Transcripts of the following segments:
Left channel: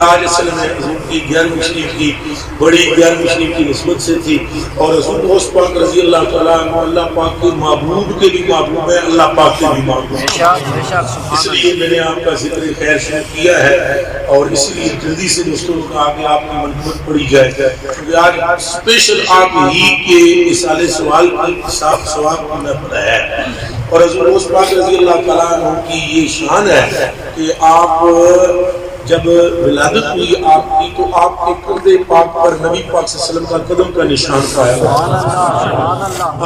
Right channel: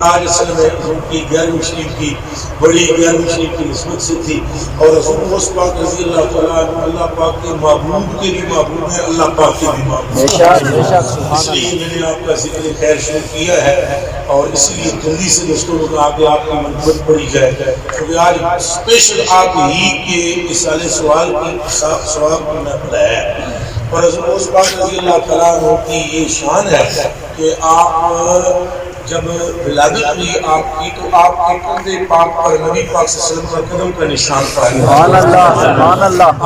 حضور کی 11ویں شریف کی بڑی 11ویں شریف کی نسبت سے تھی، اور رسول غوث پاک رضی اللہ تعالیٰ عنہ اللہ پاک کے محبوب کے بھی محبوب ہیں، اللہ پاک کے بھی محبوب ہیں۔ اس لیے میں نے آپ کا ذکر خیر شروع کیا ہے، اور اس لیے جلدی سے دوستوں کو آگے آپ کی منقبت پڑھی جائے، کیونکہ آج اسپیشل آپ ہی کے اصالِ سوال کی صاف سوال کی محفل ہے، اور رسول غوث پاک رضی اللہ تعالیٰ عنہ کی یہ شان ہے کہ آپ جب ولادت ہوئی آپ کی تو آپ کے قدے پاک پر نبی پاک صلی اللہ علیہ وسلم کا قدم کا نشان پایا۔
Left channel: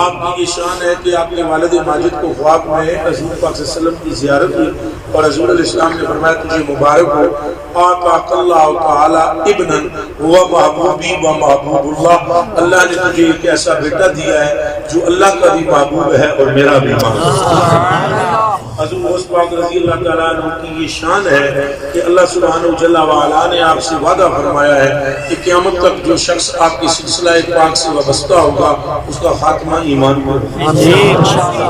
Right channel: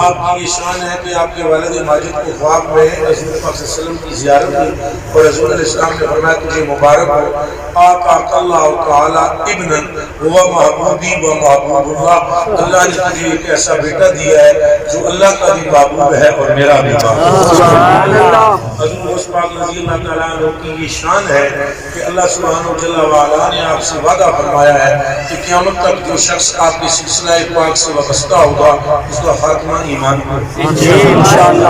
آپ کی یہ شان ہے کہ آپ کے والد ماجد کو خواب میں رسول پاک صلی اللہ علیہ وسلم کی زیارت ہوئی، اور رسول علیہ السلام نے فرمایا تجھے مبارک ہو، آتاک اللہ تعالی ابن ہوا محبوبی و محبوب اللہ، اللہ نے تجھے ایک ایسا بیٹا دیا ہے جو اللہ کا بھی محبوب ہے اور میرا بھی محبوب ہے۔ حضور غوث پاک رضی اللہ تعالیٰ عنہ کی یہ شان ہے کہ اللہ سبحانہ جل وعلا نے آپ سے وعدہ فرمایا ہے کہ قیامت تک جو شخص آپ کی سلسلہ پاک سے وابستہ ہوگا اس کا خاتمہ ایمان پر انشاءاللہ۔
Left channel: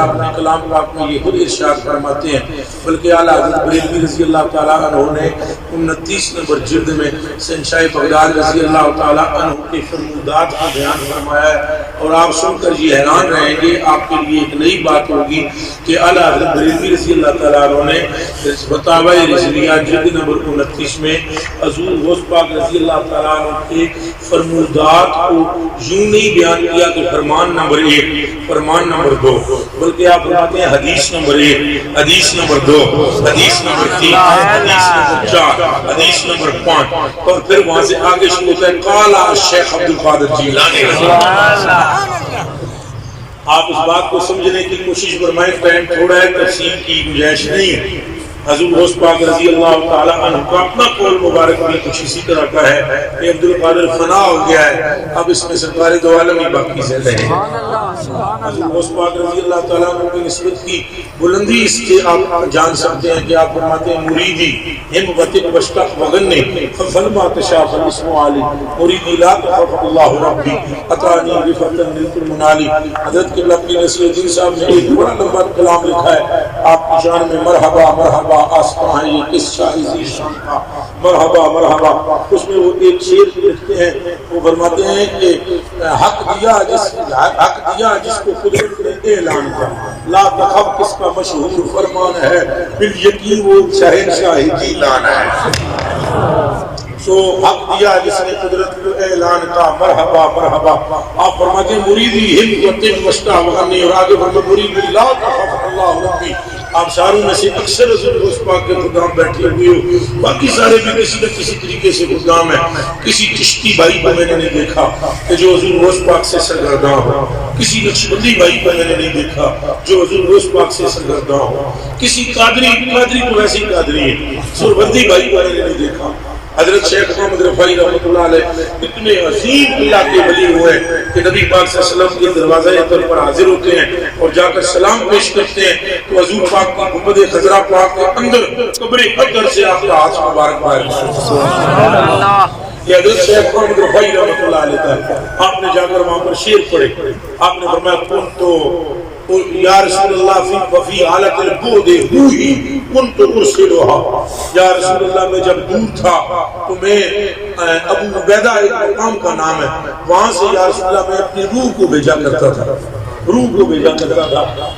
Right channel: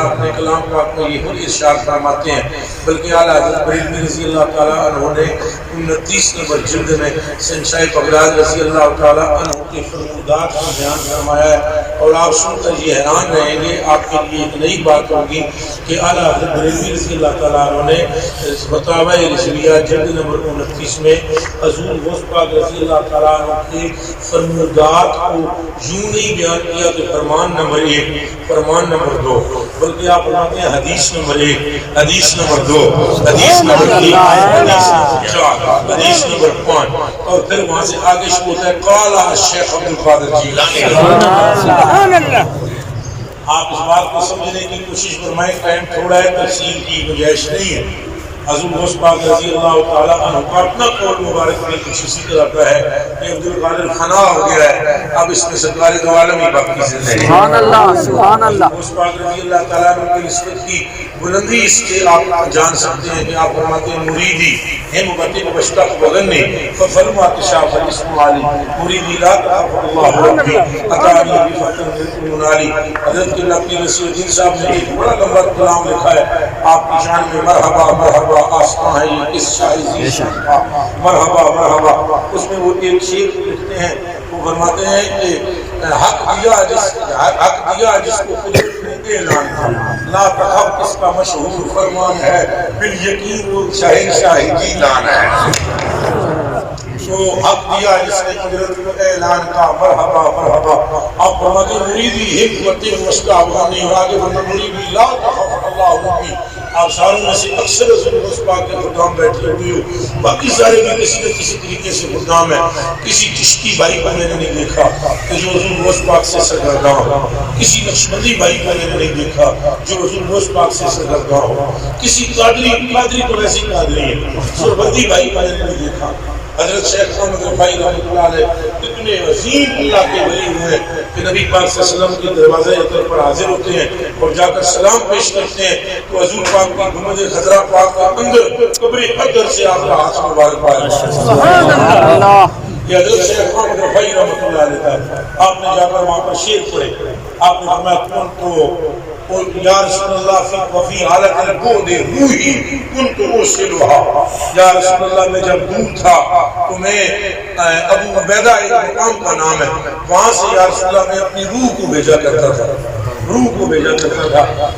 اپنے کلام پاک میں یہ خود ارشاد فرماتے ہیں، بلکہ اعلیٰ حضرت بریلوی رضی اللہ تعالیٰ عنہ نے 29 نمبر جلد میں شہنشاہ بغداد رضی اللہ تعالیٰ عنہ کے فرمودات کا بیان فرمایا ہے، اور آپ سن کر یہ حیران رہیں گے، آپ کے لیے ایک نئی بات ہوگی کہ اعلیٰ حضرت بریلوی رضی اللہ تعالیٰ عنہ نے فتاوی رضویہ جلد نمبر 29 میں حضور غوث پاک رضی اللہ تعالیٰ عنہ کے فرمودات کو یوں نہیں بیان کیا کہ فرمان نمبر 1 فرمان نمبر 2، بلکہ آپ فرماتے ہیں حدیث نمبر 1 حدیث نمبر 2 حدیث نمبر 3 حدیث نمبر 4 حدیث نمبر 5، اور پھر وہاں سے آگے شروع ہوتا ہے قال شیخ عبدالقادر جیلانی۔ آپ اس بات کو سمجھنے کی کوشش فرمائیں، ٹائم تھوڑا ہے، تفصیل کی گنجائش نہیں ہے۔ حضور غوث پاک رضی اللہ تعالیٰ عنہ کا اپنا قول مبارک بھی کچھ اسی طرح کا ہے کہ عبدالقادر فنا ہو گیا ہے، اب اس میں سرکار دو عالم ہی باقی زندہ ہیں۔ غوث پاک رضی اللہ تعالیٰ عنہ کی نسبت کی بلندی اس کے آپ جان سکتے ہیں کہ آپ فرماتے ہیں مریدی ہم غتب بشتق وغنی ففلما تشاف الاسم علی مریدی لا تخف اللہ ربی اتانی بفتن ملک المنالی۔ حضرت قبلہ اپنی نصیر الدین صاحب نے ایک بڑا لمبا کلام لکھا ہے آپ کی شان میں، مرحبا مرحبا آسمان ہے یہ کس شاہزی شان کا، مرحبا مرحبا۔ اس میں وہ ایک شعر لکھتے ہیں، وہ فرماتے ہیں کہ حق دیا جس کو قدرت نے اعلان کیا، لا تخف کس کا مشہور فرمان ہے، بالیقین وہ شہنشاہ جیلان ہے۔ تو حق دیا جس نے قدرت کو اعلان کا، مرحبا مرحبا۔ آپ فرماتے ہیں مریدی ہم وطن مشتاق غنی، اور آگے فرماتے مریدی لا تخف اللہ ربی۔ آپ ساروں میں سے اکثر حضور غوث پاک کے خدام بیٹھے ہوئے ہو، باقی سارے بھی کسی نہ کسی طریقے سے خدام ہیں۔ کسی چشتی بھائی کو میں نے نہیں دیکھا کہ جو حضور غوث پاک سے سرگرداں ہو، کسی نقشبندی بھائی کو میں نے نہیں دیکھا جو حضور غوث پاک سے سرگرداں ہو، کسی قادری تو ویسی قادری ہے، سربندی بھائی کو میں نے نہیں دیکھا۔ حضرت شیخ محمد رفاعی رحمۃ اللہ علیہ اتنے عظیم اللہ کے ولی ہوئے کہ نبی پاک صلی اللہ علیہ وسلم کے دروازے اطہر پر حاضر ہوتے ہیں اور جا کر سلام پیش کرتے ہیں تو حضور پاک کی گنبد خضرا پاک کے اندر قبر حجر سے آپ کا ہاتھ مبارک پائے۔ یہ حضرت شیخ محمد رفاعی رحمۃ اللہ علیہ تھا۔ آپ نے جا کر وہاں پر شعر پڑھے، آپ نے فرمایا کون تو یا رسول اللہ فی حالت البعد روحی کنت ارسلھا، یا رسول اللہ میں جب دور تھا تو میں ابو عبیدہ ایک مقام کا نام ہے، وہاں سے یا رسول اللہ میں اپنی روح کو بھیجا کرتا تھا،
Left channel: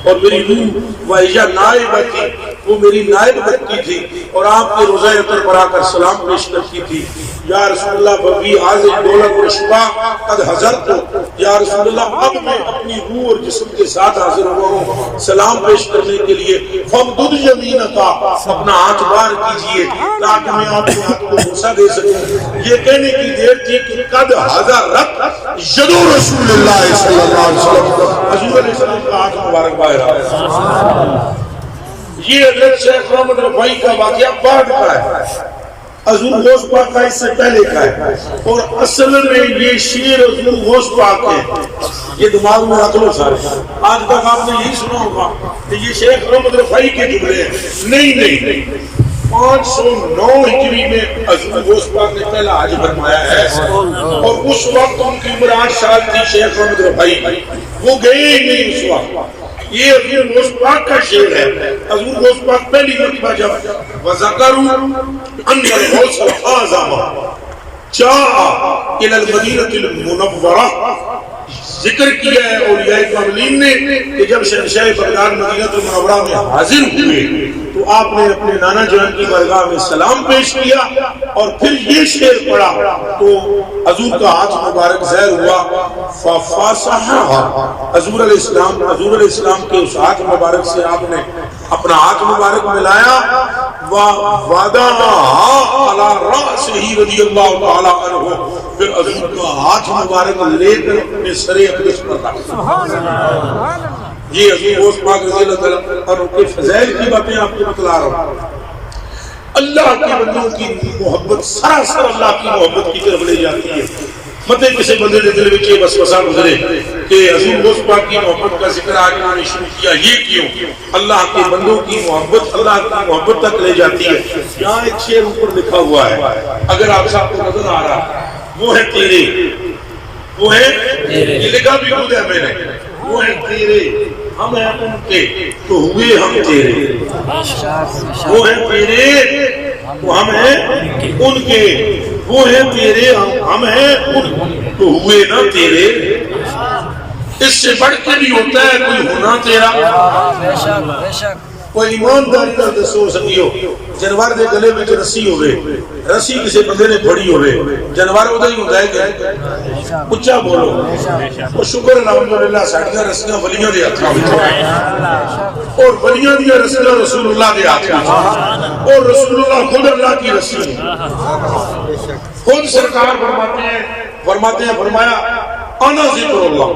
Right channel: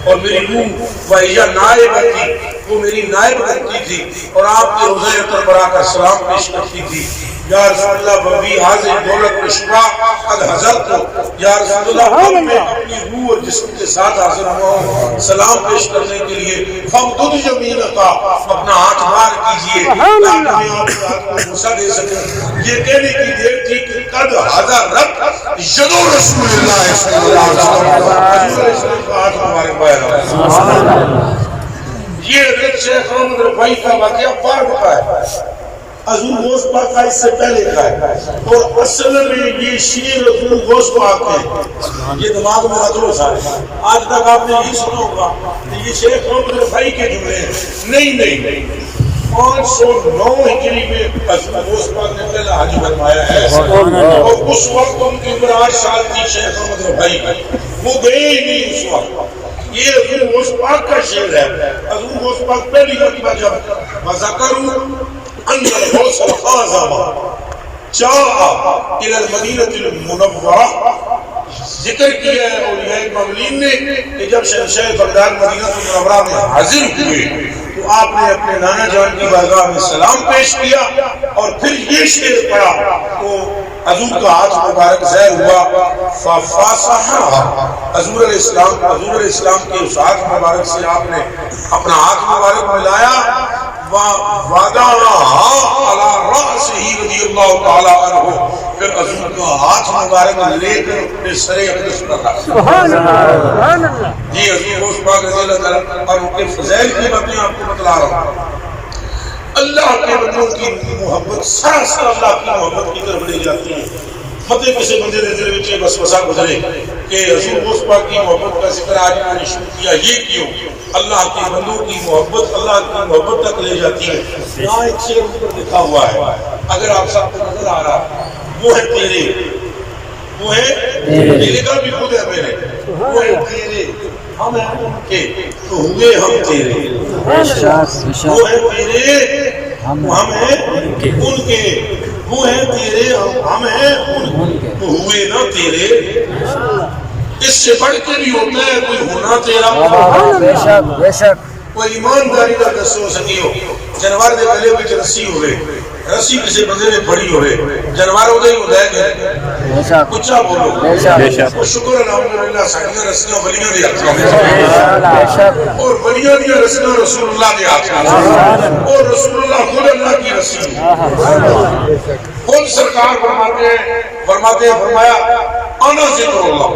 اور میری روح وہی نائب تھی، وہ میری نائب کرتی تھی اور آپ کے روضہ اطہر پر آ کر سلام پیش کرتی تھی۔ یا رسول اللہ وفی حاضر دولت و شفا قد حضرت، یا رسول اللہ اب میں اپنی روح اور جسم کے ساتھ حاضر ہوا ہوں سلام پیش کرنے کے لیے۔ فمدد یمینکا، اپنا ہاتھ بار کیجئے تاکہ میں آپ کے ہاتھ کو بوسہ دے سکوں۔ یہ کہنے کی دیر تھی کہ قد حضرت یدو رسول اللہ صلی اللہ علیہ وسلم، حضور علیہ السلام کا ہاتھ مبارک باہر۔ یہ حضرت شیخ محمد رفاعی کا واقعہ بعد کا ہے، حضور غوث پاک کا اس سے پہلے کا ہے، اور اصل میں یہ شعر حضور غوث پاک ہے۔ یہ دماغ میں رکھ لو صاحب، آج تک آپ نے یہی سنا ہوگا کہ یہ شیخ محمد رفاعی کے جملے ہیں، نہیں 509 ہجری میں حضور غوث پاک نے پہلا حج فرمایا ہے، اور اس وقت ان کی عمر 8 سال تھی شیخ محمد رفاعی کی، وہ گئے ہی نہیں اس وقت۔ یہ حضور غوث پاک کا شعر ہے. حضور غوث پاک پہلی مرتبہ جب وَذَكَرُوا أَنَّ الْغَوْثَ الْأَعْظَمَ جَاءَ إِلَى الْمَدِينَةِ الْمُنَوَّرَةِ، ذکر کیا ہے اولیاء مبلین نے کہ جب شہنشاہ بغداد مدینہ المنورہ میں حاضر ہوئے تو آپ نے اپنے نانا جان کی بارگاہ میں سلام پیش کیا اور پھر یہ شعر پڑھا تو حضور کا ہاتھ مبارک ظاہر ہوا. فَفَاسَحَا، حضور علیہ السلام کے اس ہاتھ مبارک سے آپ نے اپنا ہاتھ مبارک ملایا. وَوَضَعَهَا عَلَى رَأْسِهِ رضی اللہ تعالیٰ عنہ، پھر حضور کا ہاتھ مبارک لے کر اپنے سر اقدس پر رکھا. یہ حضور غوث پاک رضی اللہ تعالیٰ اور ان کے فضائل کی باتیں آپ کو بتلا رہا ہوں. اللہ کے بندوں کی محبت سراسر اللہ کی محبت کی طرف لے جاتی ہے. مطلب کسی بندے نے دل میں وسوسہ گزرے کہ حضور غوث پاک کی محبت کا ذکر آج میں نے شروع کیا، یہ کیوں؟ اللہ کے بندوں کی محبت اللہ کی محبت تک لے جاتی ہے. یہاں ایک شعر اوپر لکھا ہوا ہے، اگر آپ سب کو نظر آ رہا، وہ ہے تیرے، وہ ہے تیرے کا بھی خود ہے میرے، وہ ہے تیرے، ہم ہیں ان کے تو ہوئے ہم تیرے. وہ ہے تیرے، ہم ہیں ان کے، وہ ہیں تیرے، ہم ہیں ان تو ہوئے نہ تیرے. اس سے بڑھ کے بھی ہوتا ہے کوئی ہونا تیرا. کوئی ایمانداری نہ دسو سکیو جانور دے گلے وچ رسی ہوئے، رسی کسی بندے نے پھڑی ہوئے، جانور اودے ہی ہوندا ہے کہ اچھا بولو. اور شکر الحمدللہ ساڈیاں رسیاں ولیاں دے ہاتھ وچ، اور ولیاں دی رسیاں رسول اللہ دے ہاتھ وچ، اور رسول اللہ خود اللہ کی رسی ہے. خود سرکار فرماتے ہیں فرمایا انا ذکر اللہ،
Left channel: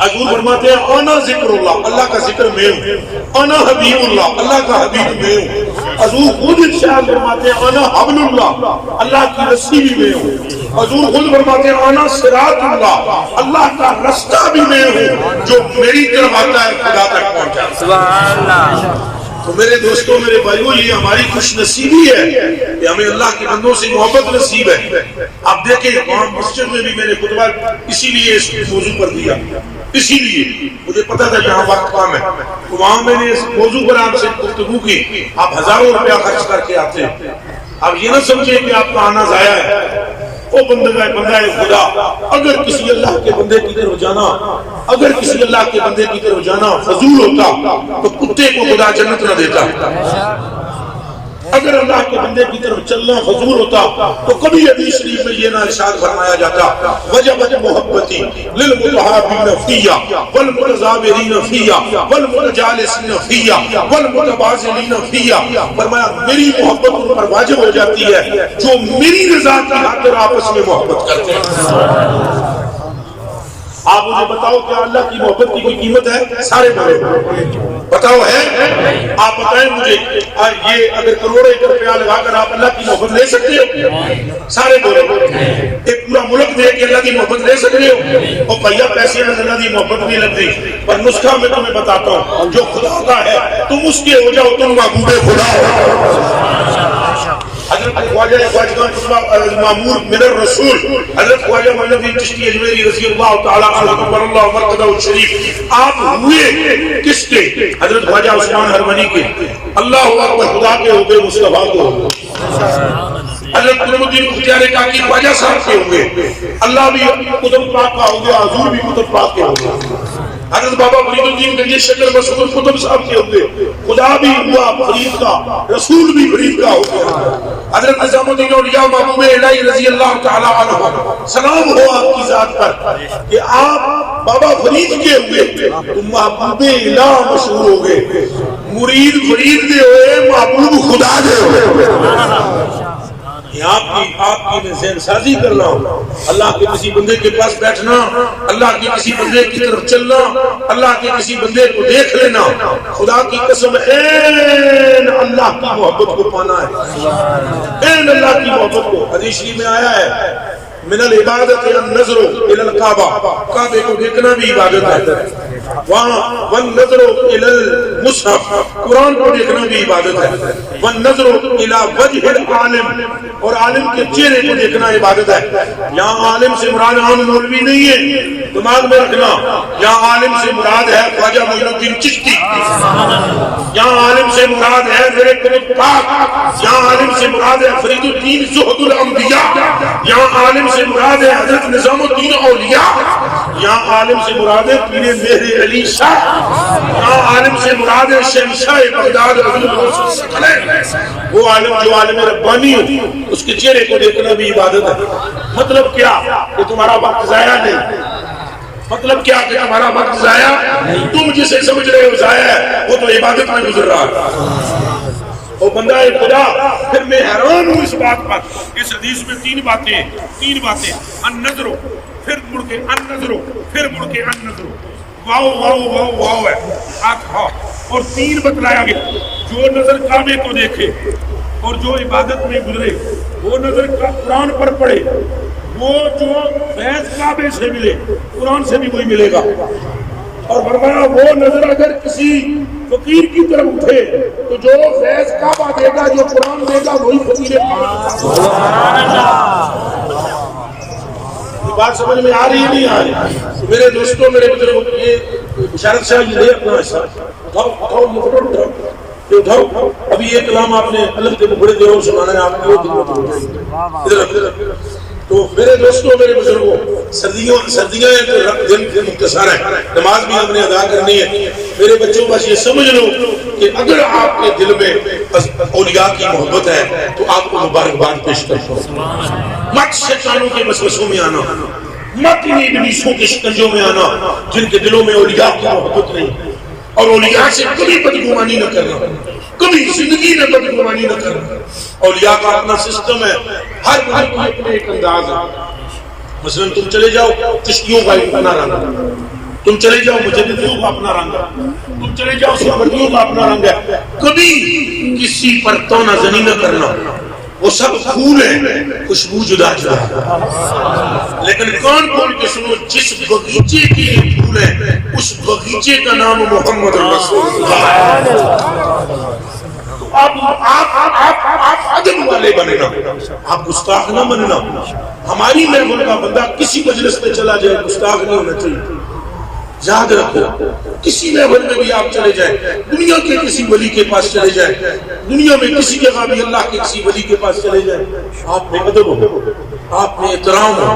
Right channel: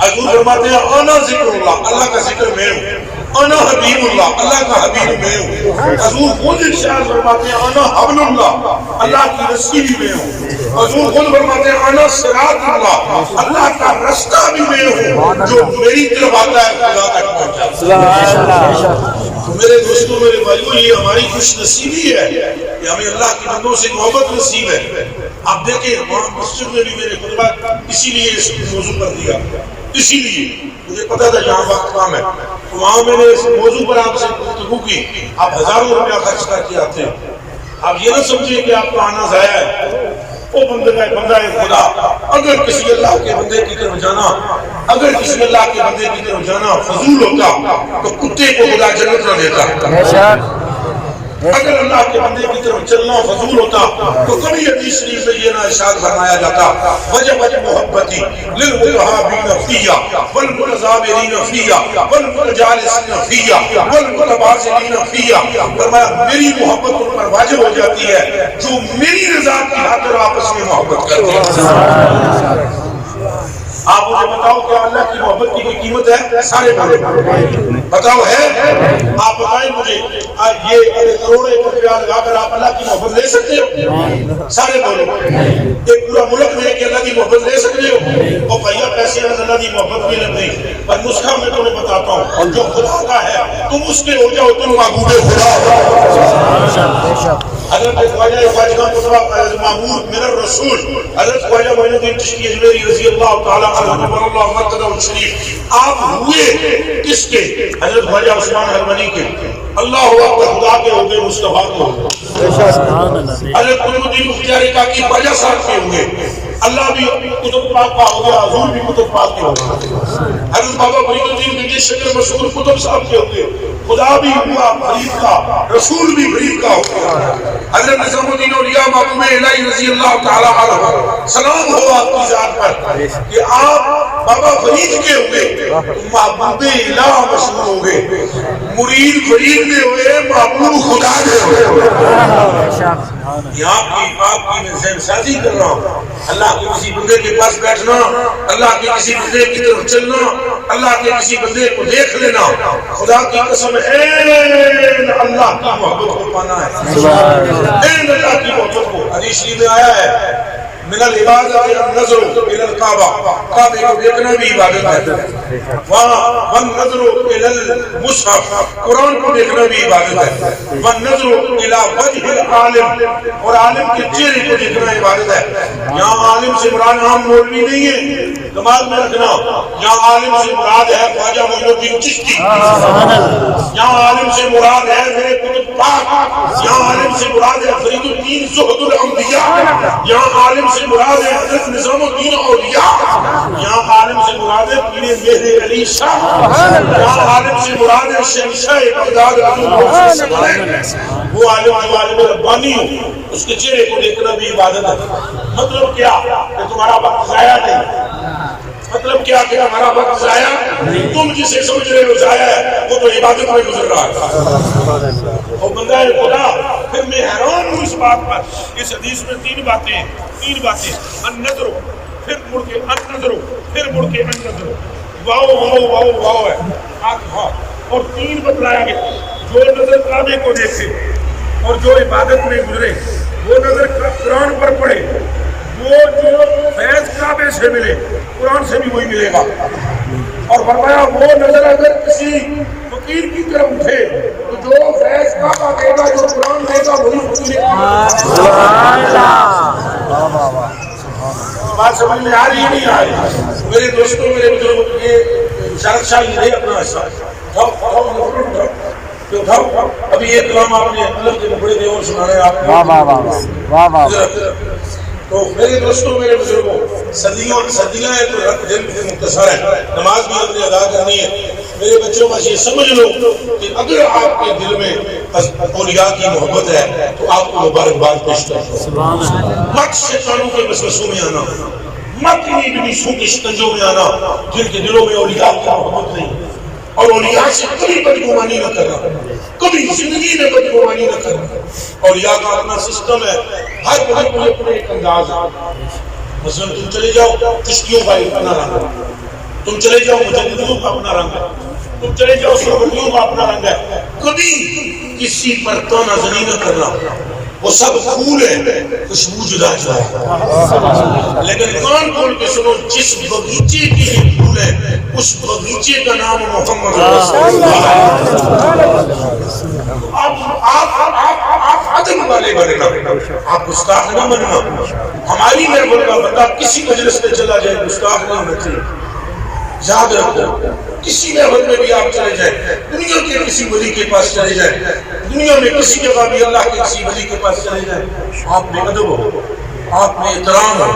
حضور فرماتے ہیں انا ذکر اللہ، اللہ کا ذکر میں ہوں. انا حبیب اللہ، اللہ کا حبیب میں ہوں. حضور خود ارشاد فرماتے ہیں انا حبل اللہ، اللہ کی رسی بھی میں ہوں. حضور خود فرماتے ہیں انا صراط اللہ، اللہ کا رستہ بھی میں ہوں، جو میری طرف آتا ہے خدا تک پہنچا. سبحان اللہ. تو میرے دوستوں، میرے بھائیوں، یہ ہماری خوش نصیبی ہے کہ ہمیں اللہ کے بندوں سے محبت نصیب ہے. آپ دیکھیں وہاں مسجد میں بھی میں نے خطبہ اسی لیے اس موضوع پر دیا، اسی لیے مجھے پتا تھا یہاں وقت کم ہے، تو وہاں میں نے اس موضوع پر آپ سے گفتگو کی. آپ ہزاروں روپیہ خرچ کر کے آتے ہیں، آپ یہ نہ سمجھیں کہ آپ کا آنا ضائع ہے. وہ بندہ خدا اگر کسی اللہ کے بندے کی طرف جانا، اگر کسی اللہ کے بندے کی طرف جانا فضول ہوتا تو کتے کو خدا جنت نہ دیتا. اگر اللہ کے بندے کی طرف چلنا فضول ہوتا تو کبھی حدیث شریف میں یہ نہ ارشاد فرمایا جاتا وجبت محبتی للمتحابین فیہ والمتزاورین فیہ والمتجالسین فیہ والمتبازلین فیہ. فرمایا میری محبت ان پر واجب ہو جاتی ہے جو میری رضا کی خاطر آپس میں محبت کرتے ہیں. آپ مجھے بتاؤ کیا اللہ کی محبت کی کوئی قیمت ہے؟ سارے بولے بتاؤ ہے؟ آپ بتائیں مجھے یہ اگر کروڑ ایکڑ روپیہ لگا کر آپ اللہ کی محبت لے سکتے ہو؟ سارے بولے. ایک پورا ملک دے کے اللہ کی محبت لے سکتے ہو؟ اور بھیا پیسے میں اللہ کی محبت بھی لگ گئی. پر نسخہ میں تمہیں بتاتا ہوں، جو خدا کا ہے تم اس کے ہو جاؤ، تم محبوب خدا ہو. حضرت خواجہ معمور من الرسول حضرت خواجہ معین الدین چشتی اجمیری رضی اللہ تعالیٰ عنہ اللہ مرکزہ الشریف، آپ ہوئے کس کے؟ حضرت خواجہ عثمان حرمنی کے. اللہ اکبر، خدا کے ہو گئے، مصطفیٰ کو ہو گئے. حضرت قطب الدین بختیار کاکی خواجہ صاحب کے ہوئے، اللہ بھی قطب پاک کا ہو گیا، حضور بھی قطب پاک کے ہو گئے. حضرت بابا فرید الدین گنجی شکر مشہور قطب صاحب کے ہوئے، خدا بھی ہوا فرید کا، رسول بھی فرید کا ہو گیا. حضرت نظام الدین اولیاء محبوب الہی رضی اللہ تعالیٰ عنہ، سلام ہو آپ کی ذات پر کہ آپ بابا فرید کے ہوئے تو محبوب الہ مشہور ہو گئے. مرید فرید میں ہوئے، محبوب خدا دے ہوئے. یہ آپ کی میں ذہن سازی کر رہا ہوں. اللہ کے کسی بندے کے پاس بیٹھنا، اللہ کے کسی بندے کی طرف چلنا، اللہ کے کسی بندے کو دیکھ لینا، خدا کی قسم این اللہ کی محبت کو پانا ہے. این اللہ کی محبت کو. حدیث شریف میں آیا ہے من العبادت النظر الى الکعبہ، کعبے کو دیکھنا بھی عبادت ہے. وہاں والنظر الی المصحف، قرآن کو دیکھنا بھی عبادت ہے، والنظر الی وجہ العالم، اور عالم کے چہرے کو دیکھنا عبادت ہے۔ یہاں عالم سے مراد عام مولوی نہیں ہے، دماغ میں رکھنا، یہاں عالم سے مراد ہے خواجہ معین الدین چشتی، یہاں عالم سے مراد ہے میرے قطب پاک، یہاں عالم سے مراد ہے فرید الدین زہد الانبیاء، یہاں عالم سے مراد ہے حضرت نظام الدین اولیاء، یہاں عالم سے مراد ہے پیر مہر علی شاہ، یہاں عالم سے مراد ہے شہنشاہ بغداد وہ عالم جو عالم ربانی ہو، اس کے چہرے کو دیکھنا بھی عبادت ہے۔ مطلب کیا کہ تمہارا وقت ضائع نہیں، مطلب کیا کہ ہمارا وقت ضائع نہیں، تم جسے سمجھ رہے ہو ضائع ہے وہ تو عبادت میں گزر رہا ہے۔ اور بندہ خدا، پھر میں حیران ہوں اس بات پر، اس حدیث میں تین باتیں، النظر، پھر مڑ کے النظر، پھر مڑ کے النظر، واو واو واو واو ہے آنکھا، اور تین بتلایا گیا، جو نظر کعبے کو دیکھے اور جو عبادت میں گزرے، وہ نظر قرآن پر پڑھے، وہ جو فیض کعبے سے ملے قرآن سے بھی وہی ملے گا، اور فرمایا وہ نظر اگر کسی فقیر کی طرف اٹھے تو جو فیض کعبہ دے گا، جو قرآن دے گا، وہی فقیر سبحان اللہ۔ بات سمجھ میں آ رہی ہے نہیں آ رہی؟ میرے دوستوں، میرے بزرگوں، یہ بشارت شاہ یہ لے اپنا حصہ اٹھاؤ، ابھی یہ کلام آپ نے علم کے مکڑے دے اور سنانا ہے آپ کو۔ تو میرے دوستوں، میرے بزرگوں، سردیاں ہیں تو دل سے مختصر ہے، نماز بھی ہم نے ادا کرنی ہے۔ میرے بچوں بس یہ سمجھ لو کہ اگر آپ کے دل میں اولیاء کی محبت ہے تو آپ کو مبارکباد پیش کرتا ہوں۔ مت شیطانوں کے وسوسوں میں آنا، مت انہیں ابلیسوں کے شکنجوں میں آنا جن کے دلوں میں اولیاء کی محبت نہیں، اور اولیاء سے کبھی بدگمانی نہ کرنا، کبھی زندگی میں بدگمانی نہ کرنا۔ اولیاء کا اپنا سسٹم ہے، ہر ملک میں اپنے ایک انداز ہے۔ مثلا تم چلے جاؤ چشتیوں کا اپنا رنگ ہے، تم چلے جاؤ مجددیوں کا اپنا رنگ ہے، تم چلے جاؤ سربریوں کا اپنا رنگ ہے۔ کبھی کسی پر تونا زنی نہ کرنا، وہ سب پھول ہیں، خوشبو جدا جدا ہے، لیکن کان کھول کے سنو، جس بغیچے کے یہ پھول ہیں اس بغیچے کا نام محمد رسول اللہ۔ آپ عدم والے بننا، آپ گستاخ نہ بننا۔ ہماری محفل کا بندہ کسی مجلس میں چلا جائے گستاخ نہیں ہونا چاہیے، یاد رکھو۔ کسی محفل میں بھی آپ چلے جائیں، دنیا کے کسی ولی کے پاس چلے جائیں، دنیا میں کسی جگہ بھی اللہ کے کسی ولی کے پاس چلے جائیں، آپ میں ادب ہو، آپ میں احترام ہو،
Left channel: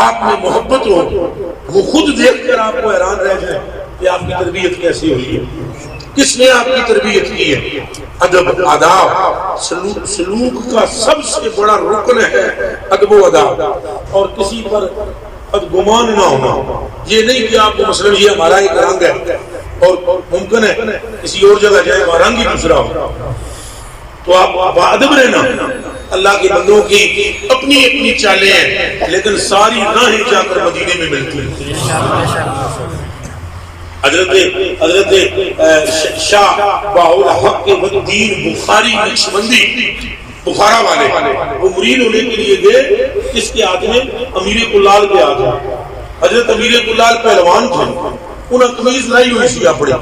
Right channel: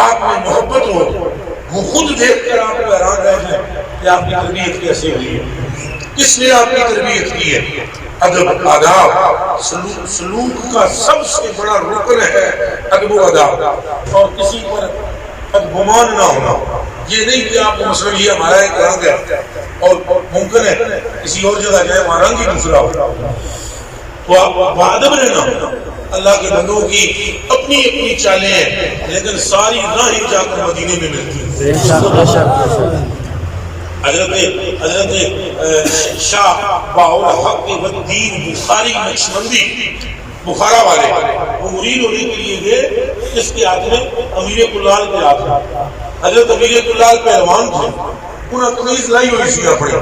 آپ میں محبت ہو، وہ خود دیکھ کر آپ کو حیران رہ جائیں کہ آپ کی تربیت کیسے ہوئی ہے، کس نے آپ کی تربیت کی ہے۔ ادب، آداب، سلوک کا سب سے بڑا رکن ہے ادب و آداب، اور کسی پر بدگمان نہ ہونا۔ یہ نہیں کہ آپ کو مثلا یہ ہمارا ایک رنگ ہے اور ممکن ہے کسی اور جگہ جائے وہاں رنگ ہی دوسرا ہو، تو آپ بادب رہنا۔ اللہ کے بندوں کی اپنی اپنی چالیں ہیں، لیکن ساری راہیں جا کر مدینے میں ملتی ہیں۔ حضرت شاہ باول حق والدین بخاری نقشبندی بخارا والے، وہ مرید ہونے کے لیے گئے، اس کے ہاتھ میں امیر کلال کے ہاتھ میں۔ حضرت امیر کلال پہلوان تھے، انہوں قمیض لائی ہوئی سی اپنی،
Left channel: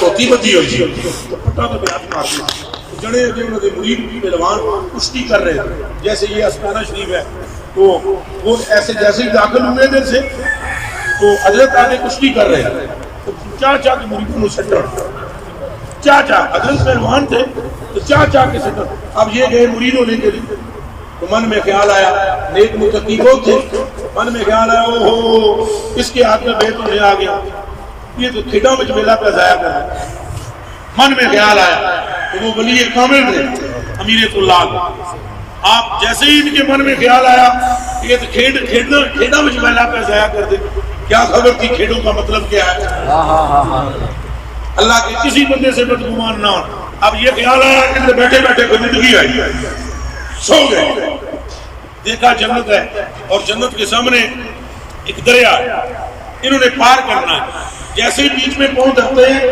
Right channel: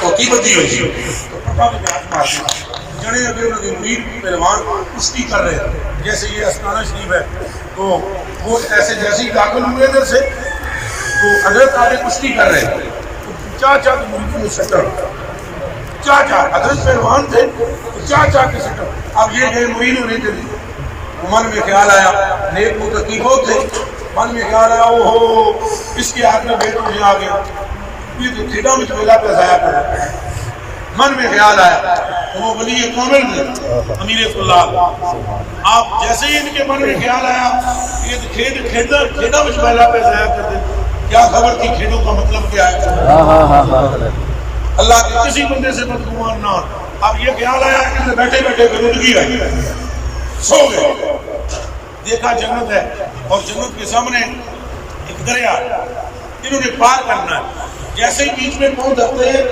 توتی بندی ہوئی سی، تو پٹا کے ہاتھ مار دیا، جڑے اگے انہوں کے مرید پہلوان کشتی کر رہے ہیں۔ جیسے یہ استانہ شریف ہے تو وہ ایسے جیسے ہی داخل ہوئے ادھر سے تو حضرت آگے کشتی کر رہے ہیں، تو چاچا کے مریدوں نے سٹر، چاچا حضرت پہلوان تھے تو چاچا کے سٹر۔ اب یہ گئے مرید ہونے کے لیے، تو من میں خیال آیا، نیک متقی بہت تھے، من میں خیال آیا اوہو اس کے ہاتھ میں بیت ہونے آ گیا، یہ تو کھیڑا میں میلہ پہ ضائع کر رہا ہے۔ من میں خیال آیا تو وہ ولی کامل تھے امیر کلال، آپ جیسے ہی ان کے من میں خیال آیا یہ تو کھیڑا میں میلہ پہ ضائع کر دے، کیا خبر تھی کھیڑوں کا مطلب کیا ہے۔ اللہ کے کسی بندے سے بدگمان نہ ہو۔ اب یہ خیال آیا کہ بیٹھے بیٹھے گنودگی آئی، سو گئے، دیکھا جنت ہے اور جنت کے سامنے ایک دریا ہے، انہوں نے پار کرنا ہے، جیسے ہی بیچ میں پہنچ جاتے ہیں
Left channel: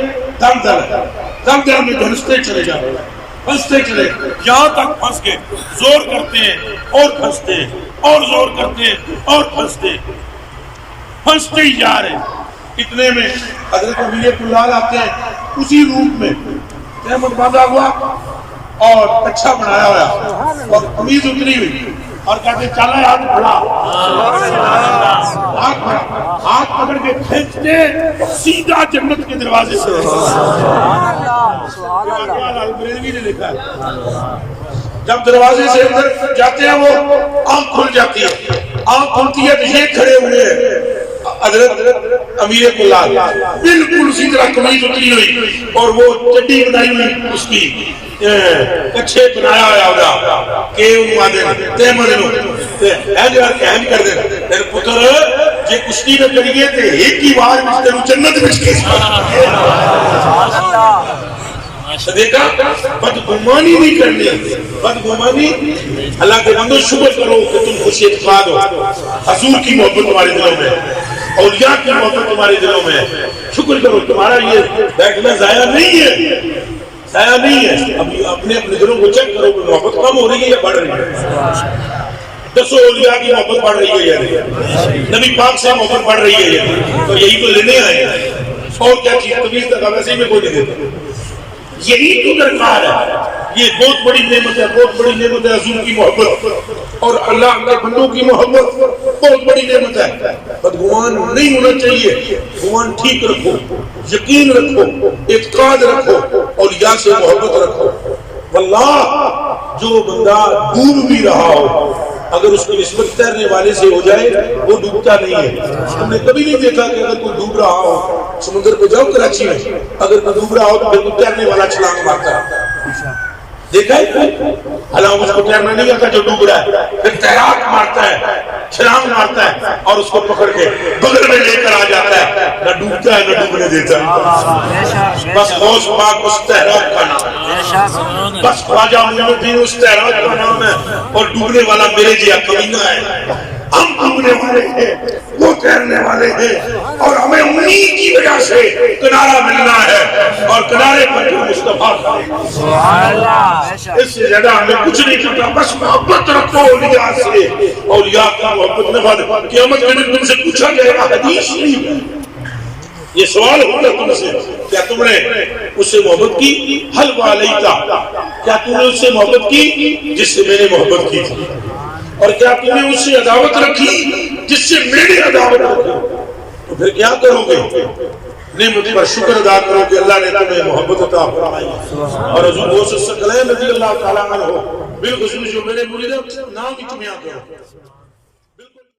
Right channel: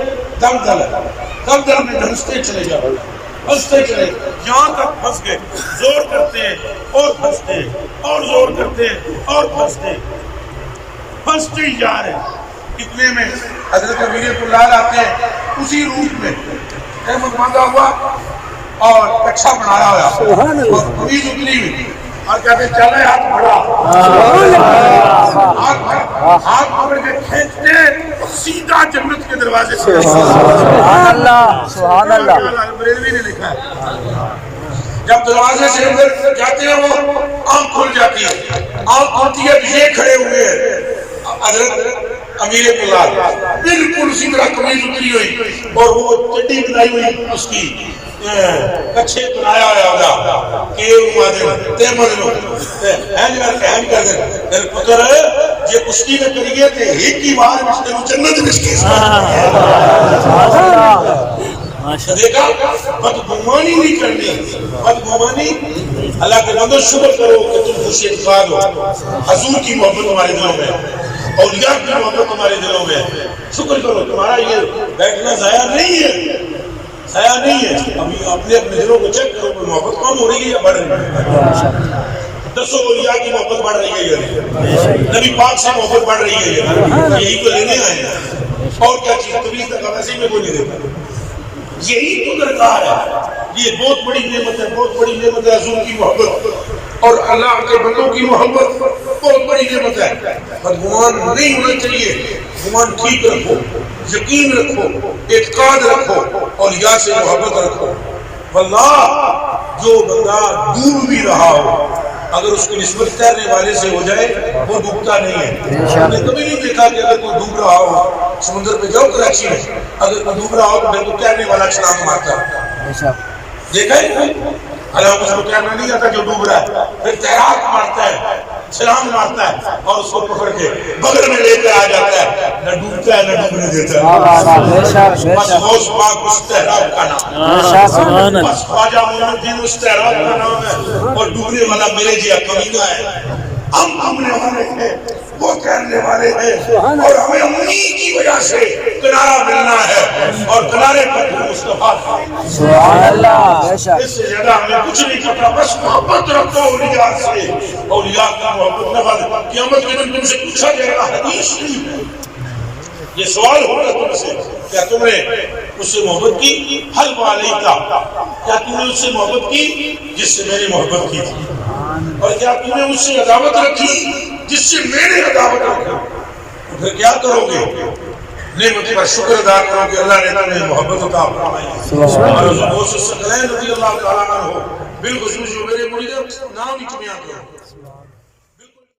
دل دل میں دھنستے چلے جاتے ہیں، پھنستے چلے، یہاں تک پھنس گئے، زور کرتے ہیں اور پھنستے ہیں اور زور کرتے ہیں اور پھنستے ہی جا رہے ہیں۔ اتنے میں حضرت امیر کلال آتے ہیں اسی روپ میں احمد باندھا ہوا اور کچھا بنایا ہوا اور قمیض اتری ہوئی اور کہتے ہیں چلے ہاتھ بڑھا ہاتھ پکڑ کے کھینچتے سیدھا جنت کے دروازے سے بریلوی نے لکھا ہے جب دروازے سے اندر جاتے ہیں وہ آنکھ کھل جاتی ہے آنکھ کھلتی ہے تو یہ کھڑے ہوئے ہیں حضرت امیر کلال بالکل اسی طرح قمیض اتری ہوئی اور وہ چڈی بنائی ہوئی اس کی کچھے بنایا ہویا کہ انہوں تے مدنوں این کر دیں تیرے پتر جے کشتی نہ کریے تے ایک ہی بار میں تینوں جنت میں کی دیکھا بدگمانی نہیں کرنی بدگمانی اللہ کے بندوں شکر کرو کہ تم خوش اعتقاد ہو حضور کی محبت تمہارے دلوں میں اولیاء کی محبت تمہارے دلوں میں شکر کرو تمہارا یہ بیٹھنا ضائع نہیں ہے ضائع نہیں ہے ابھی اپنے دلوں کو چیک کرو کہ محبت کم ہو رہی ہے یا بڑھ رہی ہے دسو اولیاء کی محبت بڑھ رہی ہے یا نہیں نبی پاک سے محبت بڑھ رہی ہے یا نہیں تو یہی تو لینے آئے ہیں اور کیا چیز طبیعت کا ویسے میں کوئی نہیں دیتا یہی تو درکار ہے یہ بہت بڑی نعمت ہے بہت بڑی نعمت ہے حضور کی محبت اور اللہ کے بندوں کی محبت بہت بڑی نعمت ہے بدگمان نہیں ہونا چاہیے گمان ٹھیک رکھو یقین رکھو اعتقاد رکھو اولیاء سے محبت رکھو واللہ جو بندہ ڈوب بھی رہا ہو اگر اس کی نسبت تیرنے والے سے ہو جائے وہ ڈوبتا نہیں ہے ہم نے کبھی نہیں دیکھا کہ اگر کوئی ڈوب رہا ہو سمندر پہ جاؤ کراچی میں اگر کوئی ڈوب رہا ہو تو بالکل تیرنے والا چھلانگ مارتا ہے دیکھا ہے حالانکہ اس کو تیرنا نہیں آتا جو ڈوب رہا ہے پھر تیراک مارتا ہے چھلانگ مارتا ہے اور اس کو پکڑ کے بغل میں لے کر آ جاتا ہے نہ ڈوبتا ہے نہ ڈوبنے دیتا ہے بس غوث پاک اس تیراک کا نام ہے بس خواجہ معین الدین اس تیراک کا نام ہے اور ڈوبنے والا میرے جیا کمینہ ہے ہم ڈوبنے والے ہیں وہ تیرنے والے ہیں اور ہمیں انہی کی وجہ سے کنارہ ملنا ہے اور کنارے پر مصطفیٰ اس سے زیادہ ہمیں کچھ نہیں کرنا بس محبت رکھو اولیاء سے اولیاء کی محبت نہ بات قیامت کے دن تم سے پوچھا جائے گا حدیث نہیں یہ سوال ہوگا تم سے کیا تم نے اس سے محبت کی حل والیتا کیا تم نے اس سے محبت کی جس سے میں نے محبت کی تھی اور کیا تم نے اس سے عداوت رکھی جس سے میں نے عداوت رکھی تو پھر کیا کرو گے نعمت پر شکر ادا کرو کہ اللہ نے تمہیں محبت عطا فرمائی اور حضور غوث الثقلین رضی اللہ تعالیٰ عنہ بالخصوص جو میرے مرید نام ہی تمہیں آتے ہیں